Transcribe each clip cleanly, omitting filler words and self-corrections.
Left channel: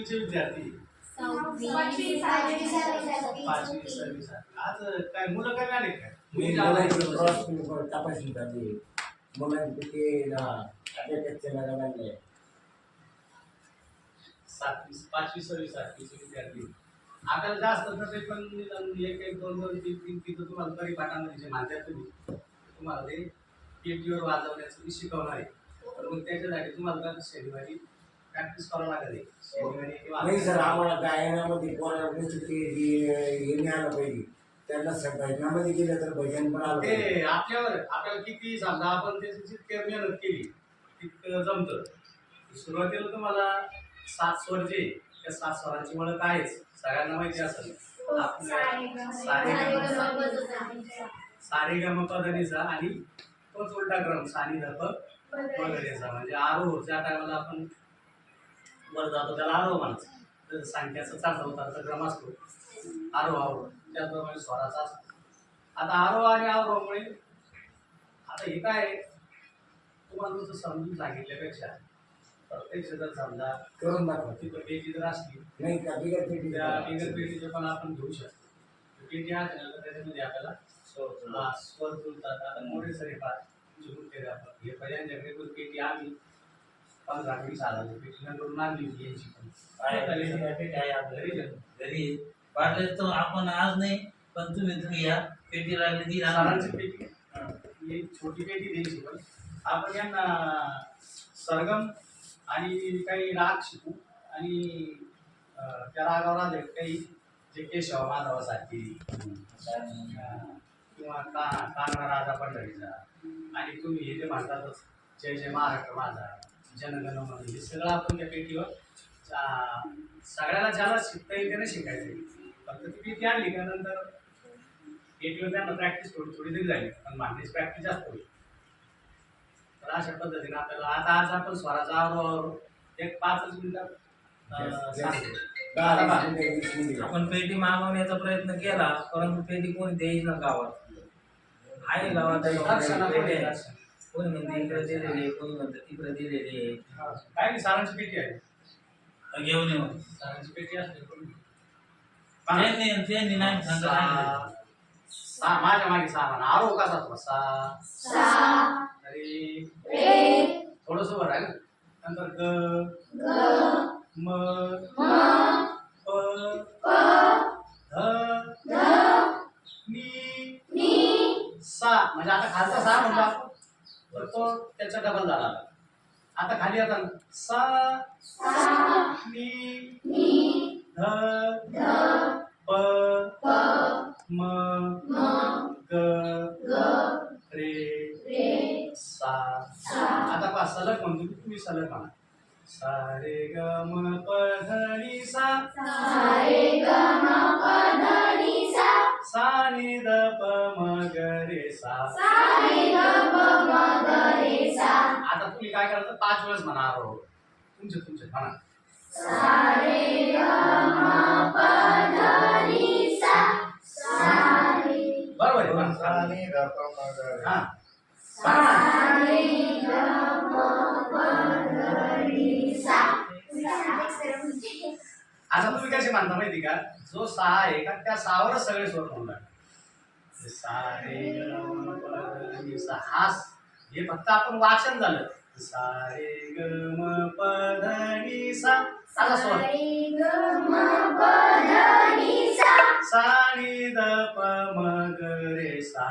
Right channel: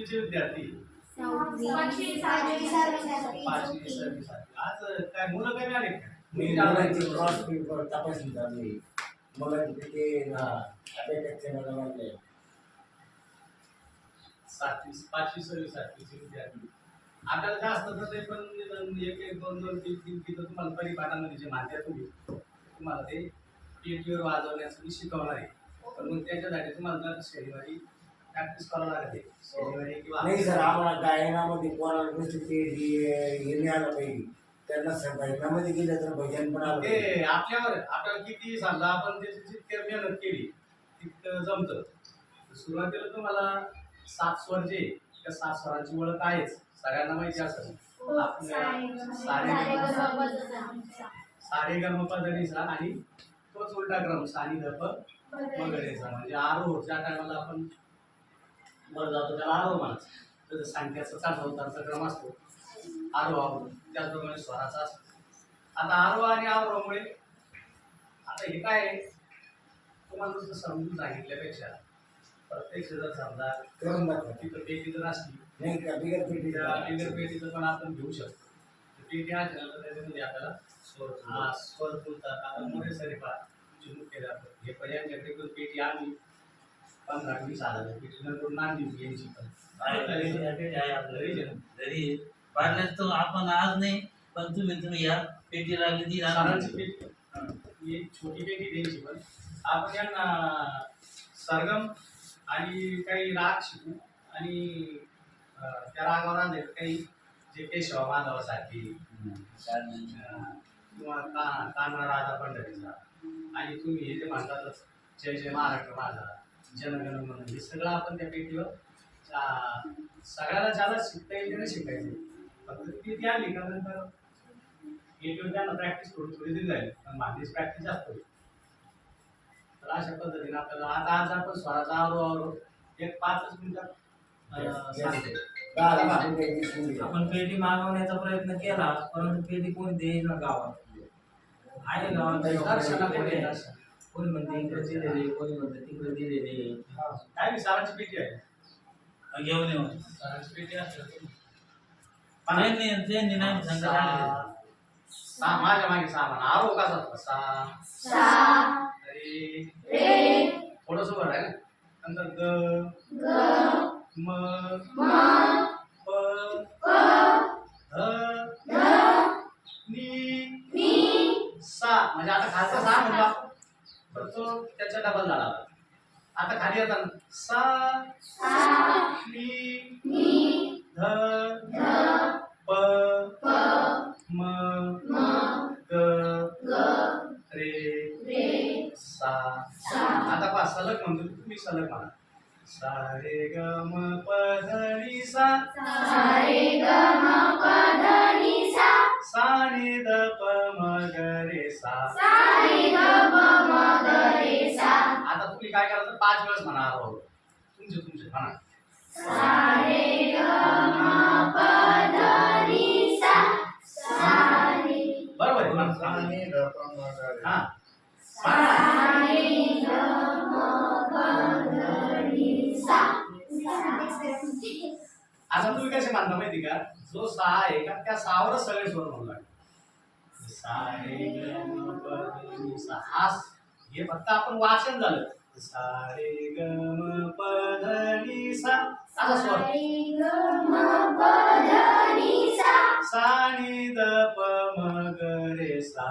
कितवीचे विद्यार्थी? 6वी, 5वी, 6वी, 7वी, 5वी 6वी 7वी. आज काय मुलं कमी आले काय? मी क्रॉस पेपर तपासणी चालू आहे. मला तिथे अभ्यासाचे मला म्हणले 7वी 5वी 6वी 7वीचे विद्यार्थी. आपल्याला जास्त तर ते पण एक एक दोन दोन तीन तीन तिथं तुम्हाला परिपाठामध्ये जे मानतात तुम्हाला ते पेटीवर वाजवण्याचं मी शिकवणार आहे. पण मग त्याच्यासाठी तुम्हाला तर शनिवारी प्रॅक्टिस करावं लागेल. शनिवारी किंवा नाही सर, आम्हाला गायनामध्ये पोराला हे नाही आलं पाहिजे. त्यांना भजनामध्ये गेलं तर भजन पण आलं पाहिजे. ते आपल्याला किती समजा आपण त्याची जितकी मेहनत केली तितकं जमतं. सुरुवातीला तुम्हाला 7 स्वर जे त्या 7 स्वरांची ओळख आहेच, सगळ्यांना माहिती असेल. सारे गम पधनीचा आणि तोच उलटा क्रम सानी धप वगैरेचा. म्हणजे आरोह ज्या टायमाला आपण वर जातो त्याला आरोह म्हणायचं. तर सांख्याचा चढता उतारचा क्रम असतो आरोह, त्याचप्रमाणे स्वराचा असतो. आता आरोह आणि आरोहामुळे आता हे काय आहे, तुम्हाला नुसतं समजून सांगितल्यापेक्षा प्रत्यक्ष जर समजा करून दाखवा. तिथं पेटी जर असली नाही का बिगर पेटी बिगर पेटीचं पण आपण घेऊ शकतो. पेटी आहे तर त्याच्यामध्ये आपल्याला स्वर जुळतात. आता मोठे सरी तुमचे मुख्याध्यापक हे पर्यंतकडे पण पेटी आम्ही 15-20 हजाराची पेटी न करून आणली यांची पण घरी पाडले तर आपण आज नाही, पण तुम्ही या पेटी लागली ती सरांची पेटी ही छोटी पेटी द्यायची. पण आपण यांना सरगम आणि काही राग शिकू आणि त्या रागावर आले काही जे केशव माधवासारखी किंवा कान्हा राजा पंढरीचा आणि तुम्ही हे जे म्हणतातच जय जय महाराष्ट्र माझा, जनगण मन, हे सगळं आपण त्या पेटीवर सगळ्याला ज्याला शिकता येईल त्याने शिकायचं. फक्त ती पेटी आणली का नंतर पेटीवर त्यांना प्रॅक्टिस थोडी थोडी दिली झाली, पण मांडणीची प्रॅक्टिस जास्त होईल. तर अशा पद्धतीने आपल्याला आता आज आपण स्वराचा आवरो एक 5 मिनिटात सांगतो. आपण पेटी मागवण्याचा प्रयत्न केला, परंतु पेटी कोणी देईना गावात. आहे गावात कोणी म्हणते इकडे दिलेले, कोणी म्हणते तिकडे दिलेले. काय नाही, सारांची पेटी आहे, घेऊन येऊ. सारांची पेटी असते. त्यांनी नाही सांगा माझ्या मागे सामान आरो कसा तो सा रे थोडस वर आहे ना, नंतर ग म प ध नी सा. म्हणजे आता खालचा सा म्हणला तर तो त्याच्या डबल झाला. आता खाली येतात सा नी ध प म ग रे सा. आता पहा सलग म्हणतो तुम्ही सलग म्हणा. सा रे ग म प ध नी सा, सा नी ध प म ग रे सा. आता तुम्ही काय करायचं 5 वेळेस म्हणा आरोह. तुमचे म्हणा. बरोबर आहे ना? आता तुम्ही कसे मानता माहिती का, जो 6 आहे का त्या 6वरच सगळे स्वर म्हणू लागले. सा रे ग म प ध नी सा. हे फक्त आपण वाचन झालं. सा रे ग म प ध नी सा असा स्वर. सा नी ध प म ग रे सा.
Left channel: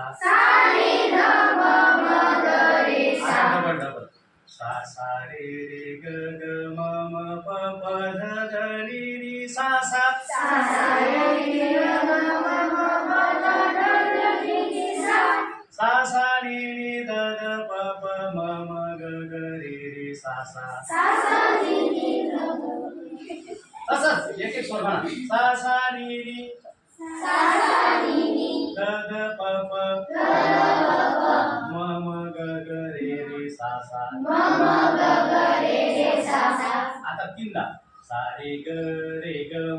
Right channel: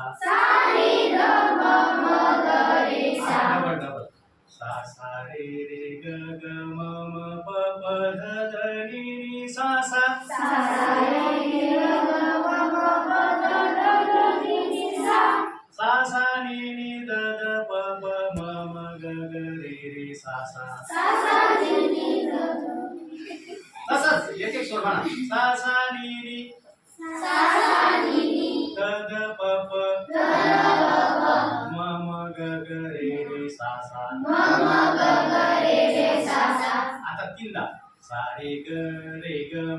डबल सा सा रे रे ग ग म म प प ध ध नी नी सा सा. सा सा नी नी ध ध प प म म ग ग रे रे सा सा. तसंच एक एक स्वर म्हणा. सा सा नी नी ध ध प प म म ग ग रे रे सा सा. आता 3दा सा रे ग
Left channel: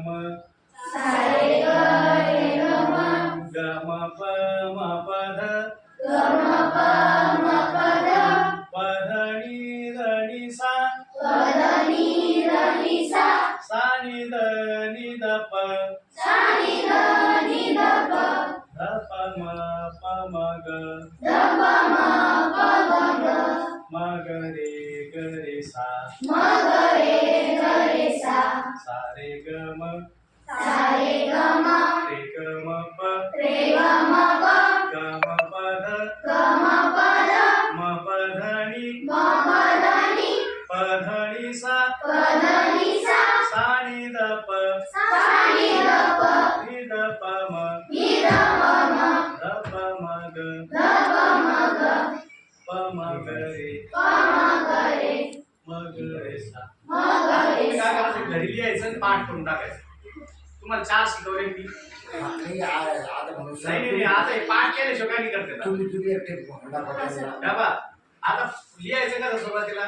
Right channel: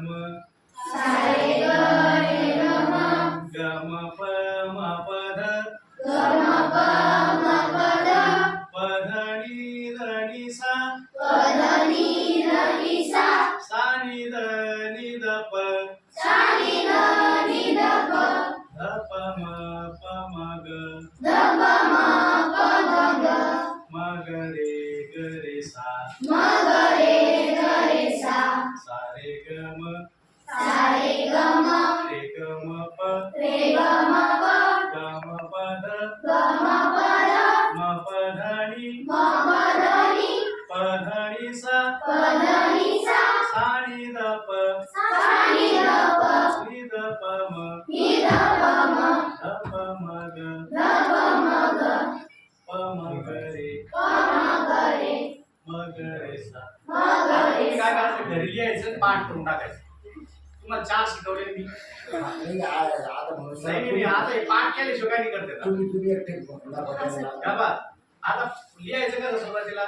म ग म प ध प ध नी ध नी सा. सा नी म ग रे सा सा रे ग म सा रे ग म रे ग म प रे ग म प ग म प ध ग म प ध म प ध नि म प ध नि प ध नि सा प ध नि सा सा नि ध प सा नि ध प नि ध प म नि ध प म ध प म ग ध प म ग प म ग रे प म ग रे म ग रे सा म ग आता रे तुम्ही काय सा करायचं घरी लिहायचं आणि पाठ करून टाकायचं तुम्हाला 4 शिकवले मी नाही आता म्हणून नाही आता हे पाठ केल्याशिवाय काय नाही करते का? तुम्ही एकटे दाखवा त्यांना. का बा आता लिहायचं का सुरुवातीला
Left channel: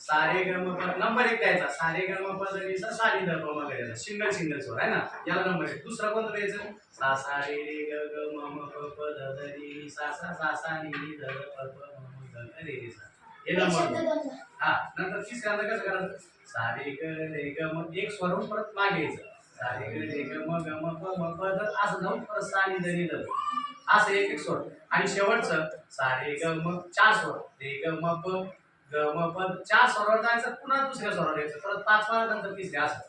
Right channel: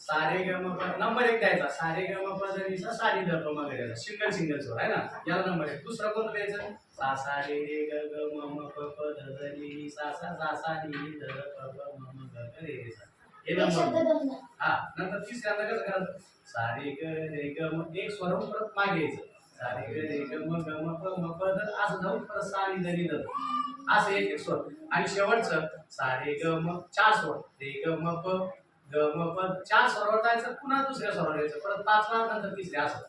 सारे ग म प नंबर 1 द्यायचा सारे ग म प ध नि सा सा नि ध प म ग रे सिंगल सिंगल स्वर आहे ना याला नंबर 1 दुसरा कोणता द्यायचं सा सा रे रे ग ग म म प प ध ध नि नि सा सा सा सा नि नि ध ध प प म म ग ग रे रे सा हे नंबर हा नंतर तिसऱ्यांदा कसं करायचं सा रे ग रे ग म एक स्वरून परत मागे यायचं सा रे ग रे ग म ग म प म प ध असं जाऊन परत सा नि ध नि ध असं एक एक स्वर आणि शेवटचं सा रे ग म 4 स्वर रे ग म प ग म प 4 स्वरावर जायचं पुन्हा दुसऱ्या स्वरावर यायचं परत 5वा नंतर तिसऱ्या असं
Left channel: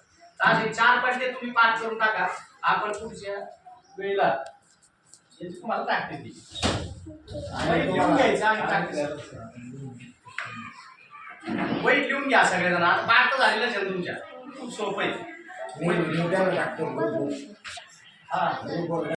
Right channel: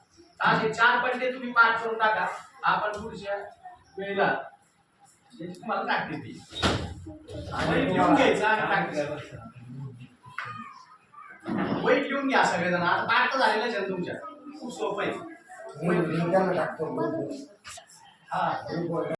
असे 4 पट्टे तुम्ही पाठ करून टाका आपण पुढच्या वेळेला याची तुम्हाला प्रॅक्टिस देईल वहीत लिहून घ्यायचं आणि प्रॅक्टिस वहीत लिहून घ्या सगळेजण आता पाठ तर झालेलं आहे तुमच्या खूप सोपं आहे मी त्यांना टाकतो हा ग्रुपवर